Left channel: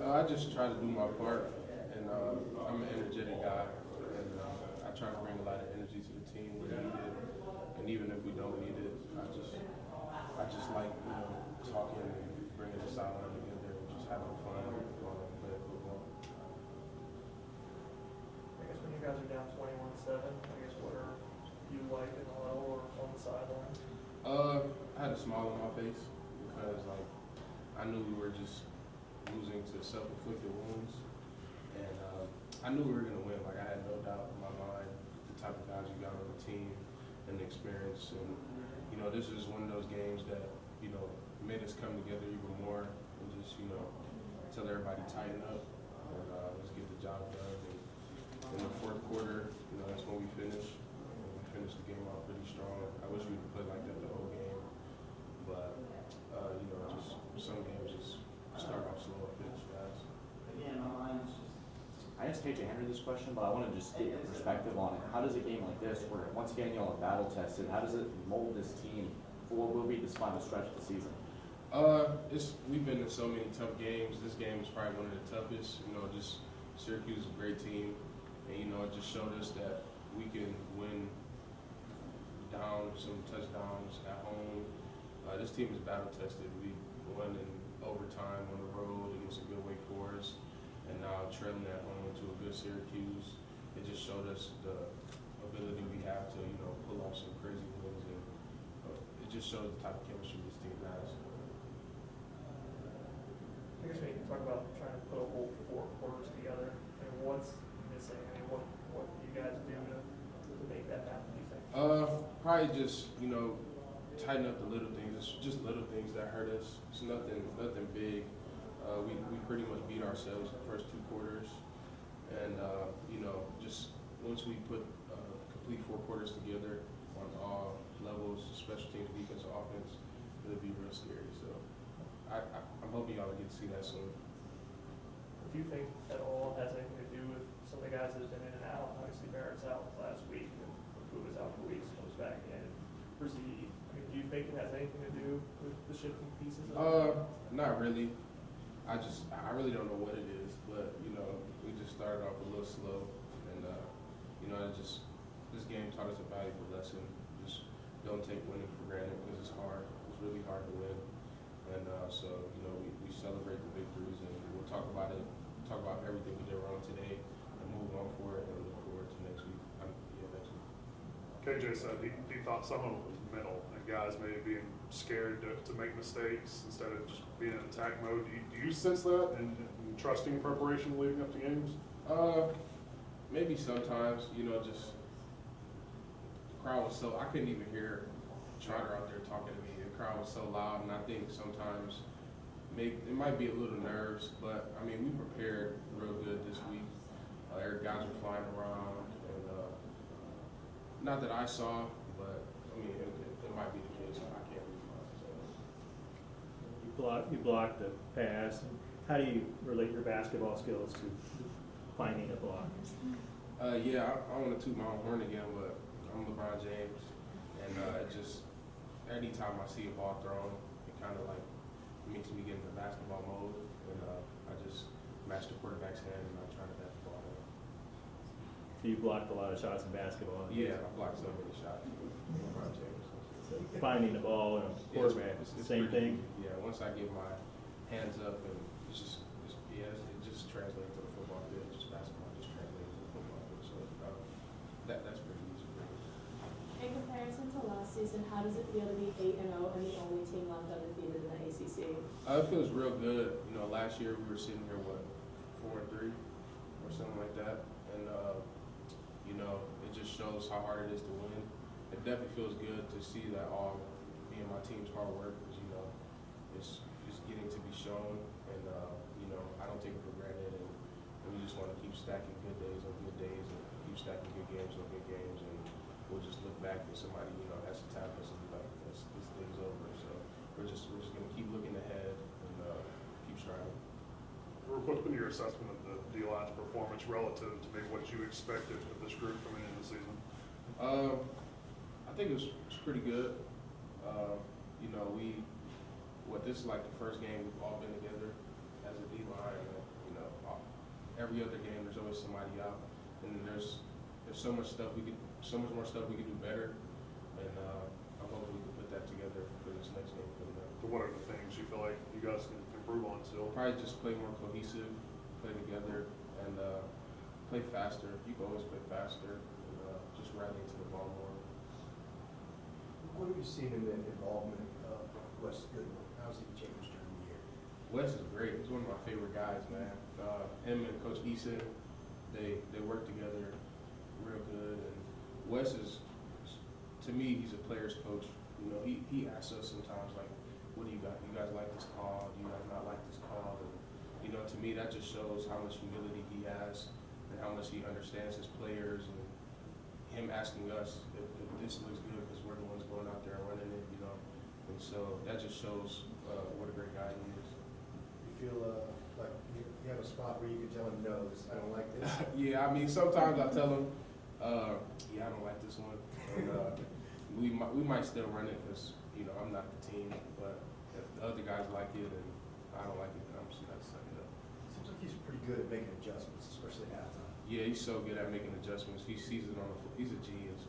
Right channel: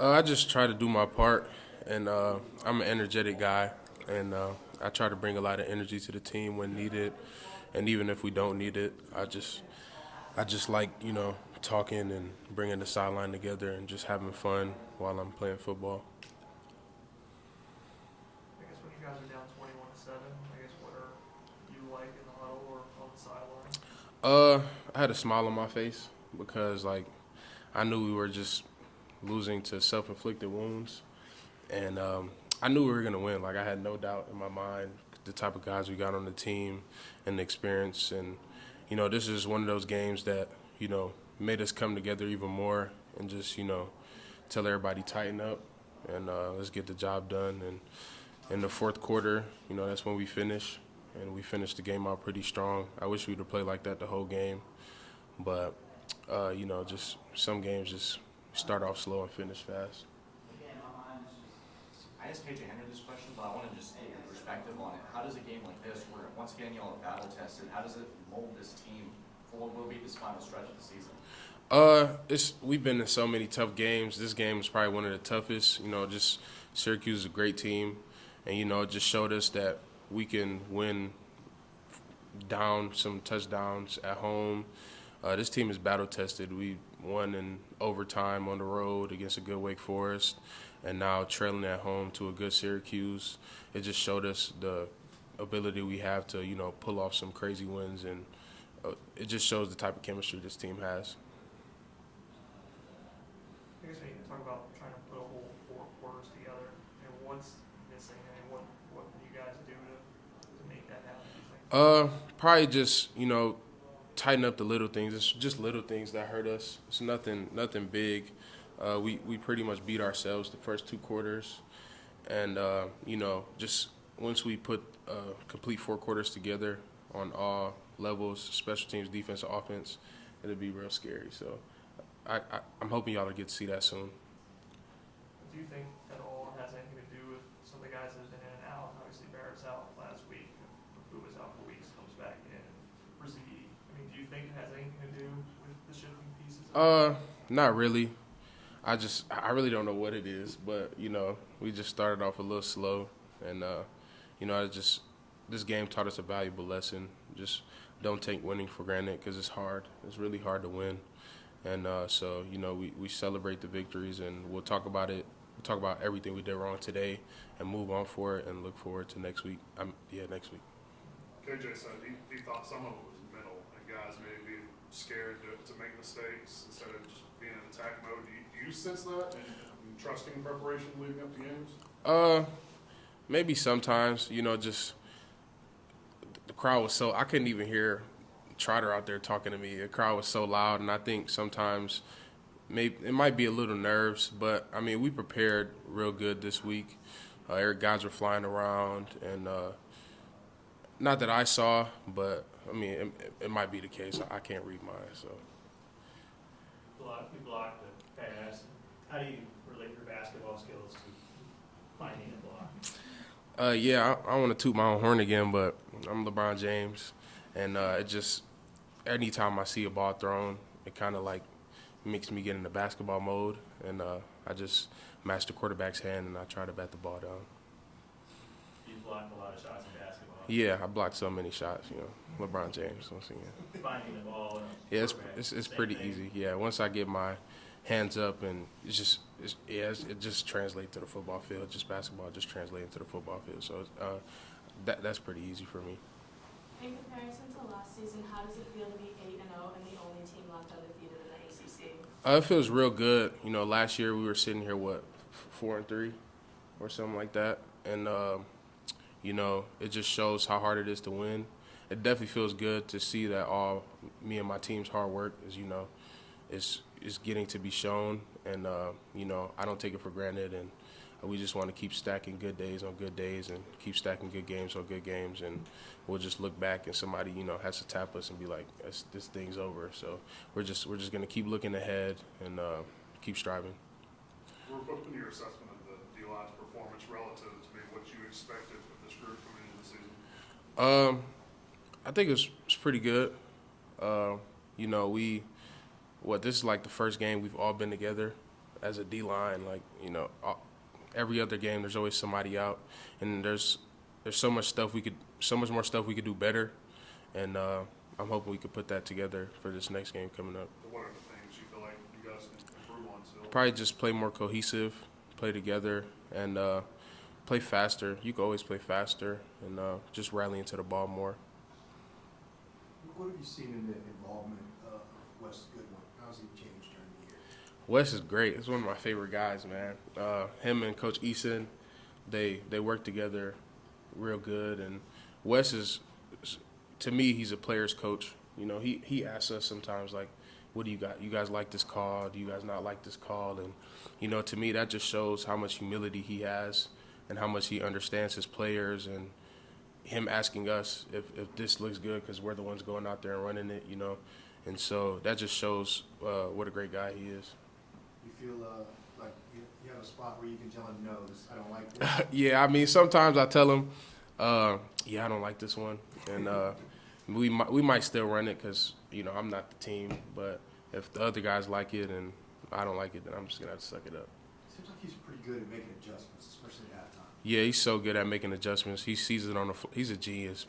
I just try to do my part, and I'm an energetic guy, and I try to bring a lot of energy to the team when needed, and even if we don't need it, I just like talking and bringing the sideline together and just having fun while I'm playing football. I guess when you guys are down 21-7, I guess what are you like in the huddle or on the sideline? I had a smile on my face because I knew we were just losing to self-inflicted wounds, and I knew we were gonna win. Like I had no doubt in my mind the type of guys we got on the team and the experience, and this is one of those games that made us come together even more and just tell everybody tighten up and let's get the job done. And in the fourth quarter, that's when we finish, and we finished the game out pretty strong. I wish we'd have played like that the whole game, but just some games just start off slow and finish fast. I asked KJ Henry this question, but I want to just get your perspective on it. How does a game like this, where once again y'all are battle tested, how does it mold this team for what will be this final stretch of the season? We've been in so many tough games. This game is probably one of the toughest. Just Syracuse is a great team, and it just showed us that we can win down some touchdowns at home. This team is battle tested. We won in overtime on the road against a good Wake Forest, and now trailing at home to a good Syracuse. It just showed us the ability we have to pull off some crazy wins, and it just shows the type of chemistry this team has. I guess when you talk about trying to put a whole four quarters together, and what's missing? I mean, what do you guys do to make that happen, do you think? Probably just tighten up the little things. It's just little things that hurt us. It's nothing big. We pretty much beat ourselves the first two quarters, and just once we put complete four quarters together on all levels, special teams, defense, offense, it'll be real scary. So I'm hoping y'all will get to see that soon. Do you think that all has anything to do with some of the guys that have been in and out? Obviously, Barrett's out last week, and who was out for weeks, comes back in. Brzee. I mean, do you think it has anything to do with the shifting pieces? Not really. I really don't know what it is, but we just started off a little slow, and this game taught us a valuable lesson. Just don't take winning for granted because it's hard. It's really hard to win, and so we celebrate the victories, and we'll talk about it, talk about everything we did wrong today, and move on for it, and look forward to next week. Next week. KJ said he thought some of it was mental and guys maybe being scared to make mistakes instead of just being in attack mode. Do you sense that and trusting preparation leading up to games? Maybe sometimes, just the crowd was I couldn't even hear Trotter out there talking to me. The crowd was so loud, and I think sometimes maybe it might be a little nerves, but I mean, we prepared real good this week. Guys were flying around, and not that I saw, but I mean, it might be the case. I can't read mine, so. You blocked the pass. How do you relate your basketball skills to finding a block? I want to toot my own horn again, but I'm LeBron James, and it just anytime I see a ball thrown, it kind of makes me get into basketball mode, and I just match the quarterback's hand and I try to bat the ball down. You blocked a lot of shots in basketball. Yeah, I blocked so many shots. LeBron James. Finding the ball. Yeah, it's pretty thing. easy. Yeah, once I get my hands up, and it just translates to the football field. Just basketball just translates to the football field. So that's pretty easy for me. In comparison to last season, how does it feel to be 8-0 and the only team left undefeated in the ACC? It feels real good. Last year we were sitting here 4-3 or something like that, and it just shows how hard it is to win. It definitely feels good to see that all me and my team's hard work is getting to be shown, and I don't take it for granted, and we just want to keep stacking good days on good days and keep stacking good games on good games, and we'll just look back and somebody has to tap us and be like, this thing's over. So we're just gonna keep looking ahead and keep striving. What's been your assessment of the D-line's performance relative to maybe what you expected with this group coming into the season? I think it's pretty good. This is like the first game we've all been together as a D line. Like, you know, every other game there's always somebody out, and there's so much more stuff we could do better, and I'm hoping we could put that together for this next game coming up. But what are the things you feel like you guys can improve on still? Probably just play more cohesive, play together, and play faster. You can always play faster, and just rally into the ball more. What have you seen in the involvement of Wes Goodwin? How's he changed during the year? Wes is great. He's one of my favorite guys, man. Him and Coach Eason, they work together real good. And Wes is, to me, he's a player's coach. You know, he asks us sometimes, like, what do you got? You guys like this call? Do you guys not like this call? And, you know, to me, that just shows how much humility he has and how much he understands his players, and him asking us if this looks good because we're the ones going out there and running it, you know. And so that just shows what a great guy he is. You feel like you have a spot where you can tell him, no, I don't like this? Yeah, I mean, sometimes I tell him, yeah, I don't like this one. And we might still run it because, you know, I'm not the team. But if the other guys like it and I don't like it, then I'm just going to have to suck it up. Seems like he's pretty good at making adjustments, especially at halftime. Yeah, he's so good at making adjustments. He sees it on the he's a genius.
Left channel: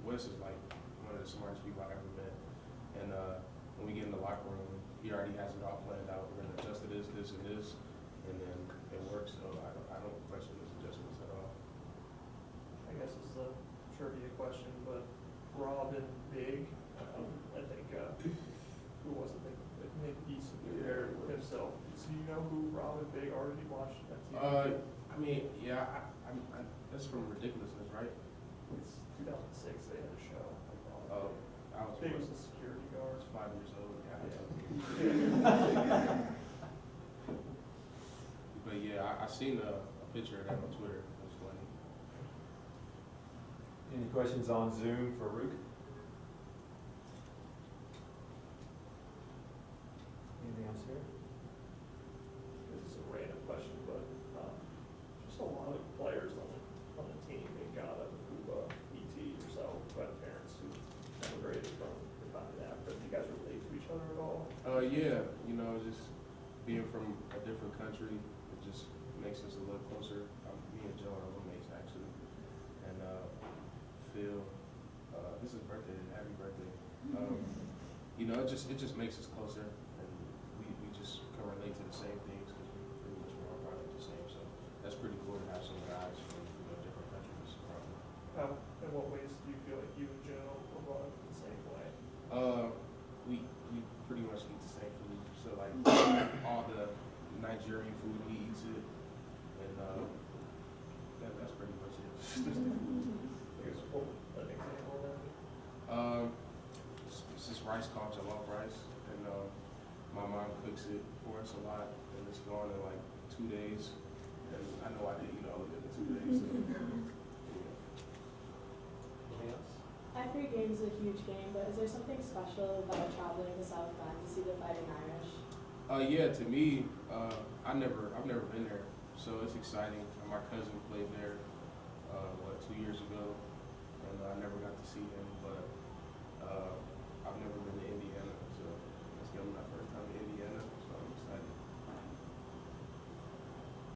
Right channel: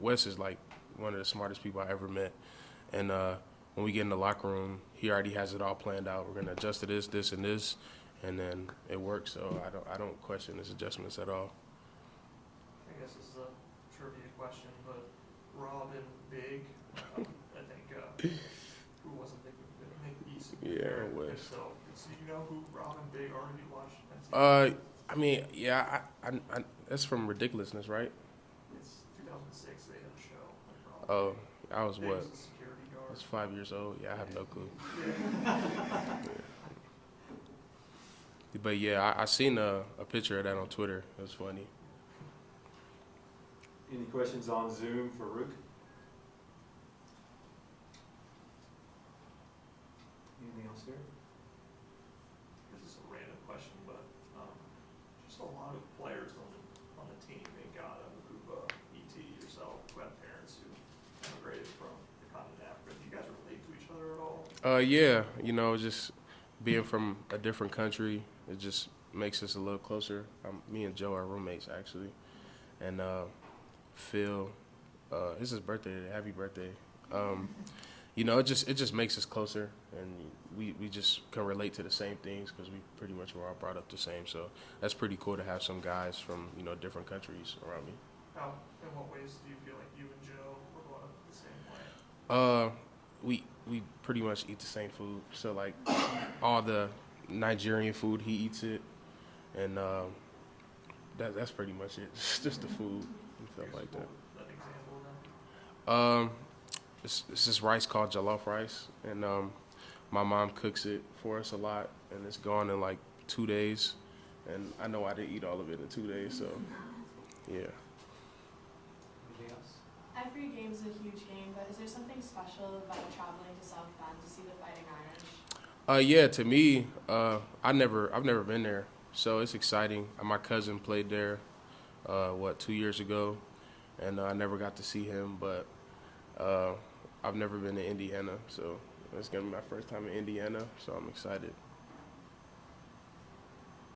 Wes is like one of the smartest people I ever met. And when we get in the locker room, he already has it all planned out. We're going to adjust to this, this, and this. And then it works. So I don't question his adjustments at all. I guess this is a trivia question, but Robin Big, I think, who was it? I think he's Yeah, Wes. himself. So you know who Robin Big are? Did you watch that? I mean, yeah, I that's from Ridiculousness, right? It's 2006. They had a show. Like Robin Oh, Big. I was Big what? was a security I guard. was 5 years old. Yeah, I have no clue. But yeah, I seen a picture of that on Twitter. It was funny. Any questions on Zoom for Ruke? Anything else there? This is a random question, but just a lot of players on the team. They got Makuba, ET, yourself, who have parents who emigrated from the continent of Africa. Do you guys relate to each other at all? Yeah, you know, just being from a different country, it just makes us a little closer. Me and Joe are roommates actually, and Phil, it's his birthday today. Happy birthday! You know, it just makes us closer, and we just can relate to the same things because we pretty much were all brought up the same. So that's pretty cool to have some guys from, you know, different countries around me. How, in what ways do you feel like you and Joe were brought up the same way? We pretty much eat the same food. So like all the Nigerian food, he eats it, and that's pretty much it. Just the food, stuff like that. An example of that? It's this rice called jollof rice, and my mom cooks it for us a lot, and it's gone in like 2 days, and I know I didn't eat all of it in 2 days, so yeah. Anything else? Every game is a huge game, but is there something special about traveling to South Bend to see the Fighting Irish? Yeah, to me, I've never been there, so it's exciting. My cousin played there, 2 years ago, and I never got to see him, but I've never been to Indiana, so it's gonna be my first time in Indiana, so I'm excited.